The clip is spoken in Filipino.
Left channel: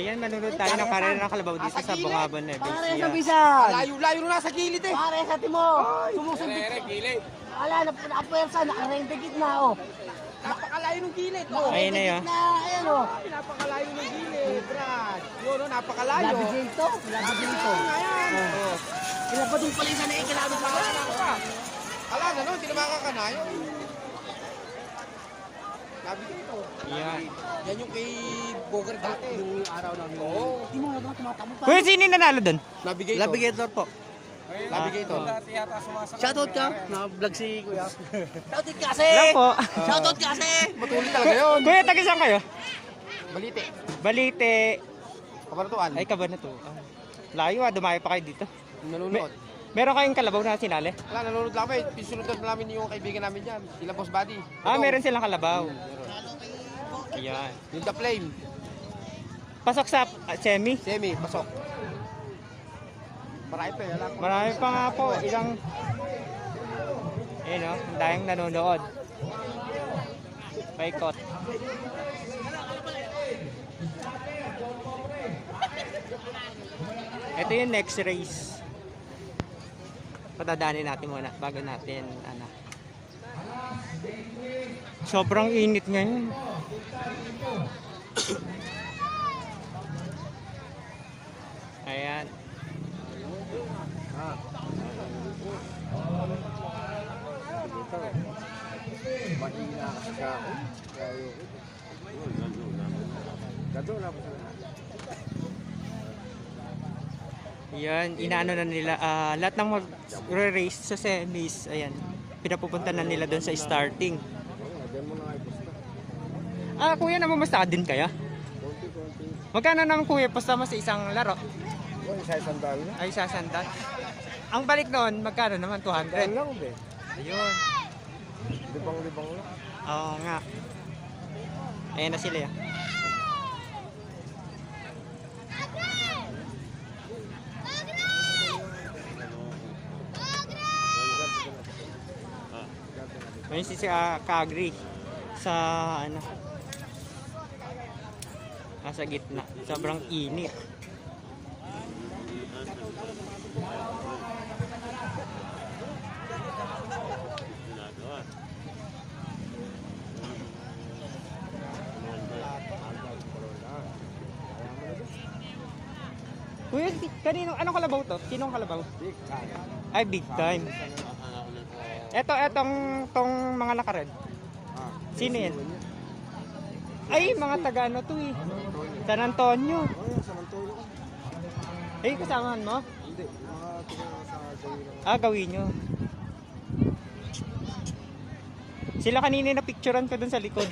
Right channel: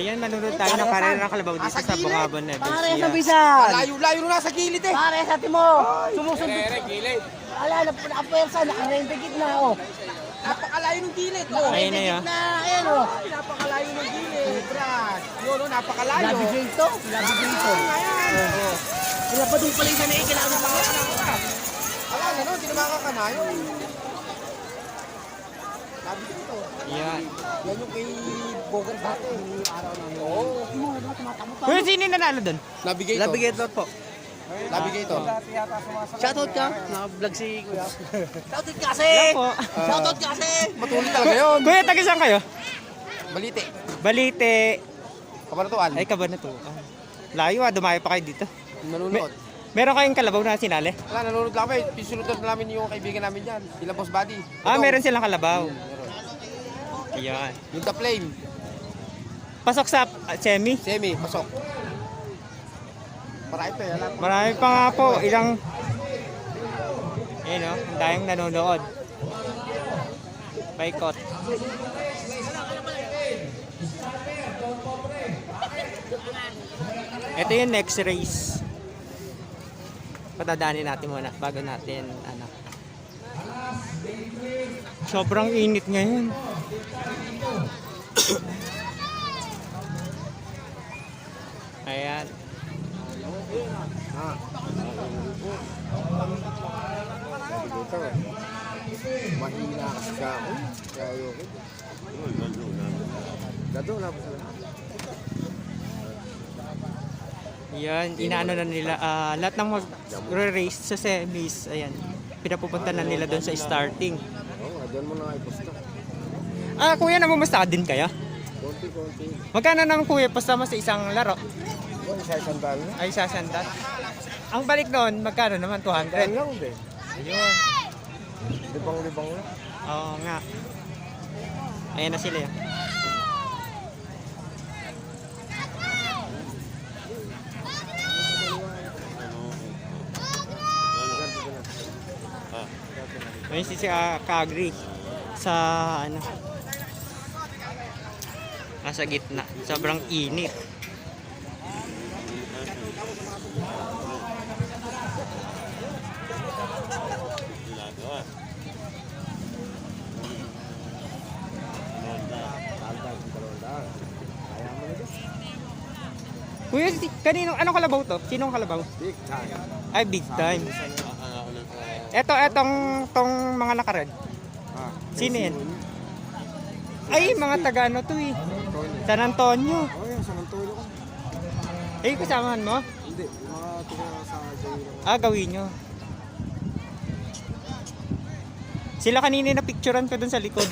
Ayan, manunod tayo ng karera ng kalabaw dito sa Bungabon na. Pare sa bisan. Layo-layo na sa gilid eh. Pare sa timo. Sumusunod. Wala, napapwersa, nakarendigit na oh. Napakalayo ng gilid. Oh. Ayun na yun. Na, ayan oh. Napakalayo ng gilid. Yun, no, napakalayo. Labigrito. Labigrito. Pinapadong pala yung sanay, kailangan pa nga. Wala na, no? Hindi na makakanayo. Labigrito. Yan. Yan yung kay Bogart dati. Yung araw na yun. Oo. Kuya, sino yung nanalo doon? Navigator. Navigator po. Navigator. Shoutout ka. Na-vlog si Kuya. Shoutout ka kasi. Po. Shoutout ka kasi. Matuloy talaga yun. Kuya, taga saan kayo? Balite. Balite. Kabanatuan. Ay, Kabanatuan. Layo dumayo pa kayo dito. Nanonood. Meron kayong kalabaw na sinali? Wala, nanonood lang kami. Pisunod na namin yung kaibigan namin dyan. Sila Boss Buddy. Meron silang kalabaw. Ayan. Yung The Flame. Pasok sa semi. Semi, pasok. Marami pa yun. Marami pa nga po. Ilang... Ayan o, ang dayang nanonood. Paikot. Ito yung next race. Patadaanin natin muna bago natin ano. Sobrang init ngayon. Ayan. Mahina kasi sa ako. Kaya ayoko. Gado na ba sa lahat? Yan, inaano na nila, lahat ng race sa semis, ayan, pinapupunta na nila doon sa starting. Oo, dyan mo lang ay pusta. Kuya, namumusta din kaya? Konti-konti. Magkano naman kuya, pasta mo sa isang laro? Sa isang dalo. Ay, sasandal. Ang balik doon, magkano naman? 200? Kaya lang din. Ayun. Libang-libang lang. Oo nga. Ayan na sila yan. Ayun si Kagri sa ano, nasa gitna. Sobrang init. Kuya, kanino, anong kalabaw to? Sinong kalabaw? Big time. Ay, big time. Etong mga nakared. Sino yan? Ay, mga taga ano to eh. San Antonio. Oo, yung San Antonio ko. Ay, kasamahan mo? Hindi, mga tiga sa Jairo. Gawin nyo. Sila kanina na picturean ka dun sa likod.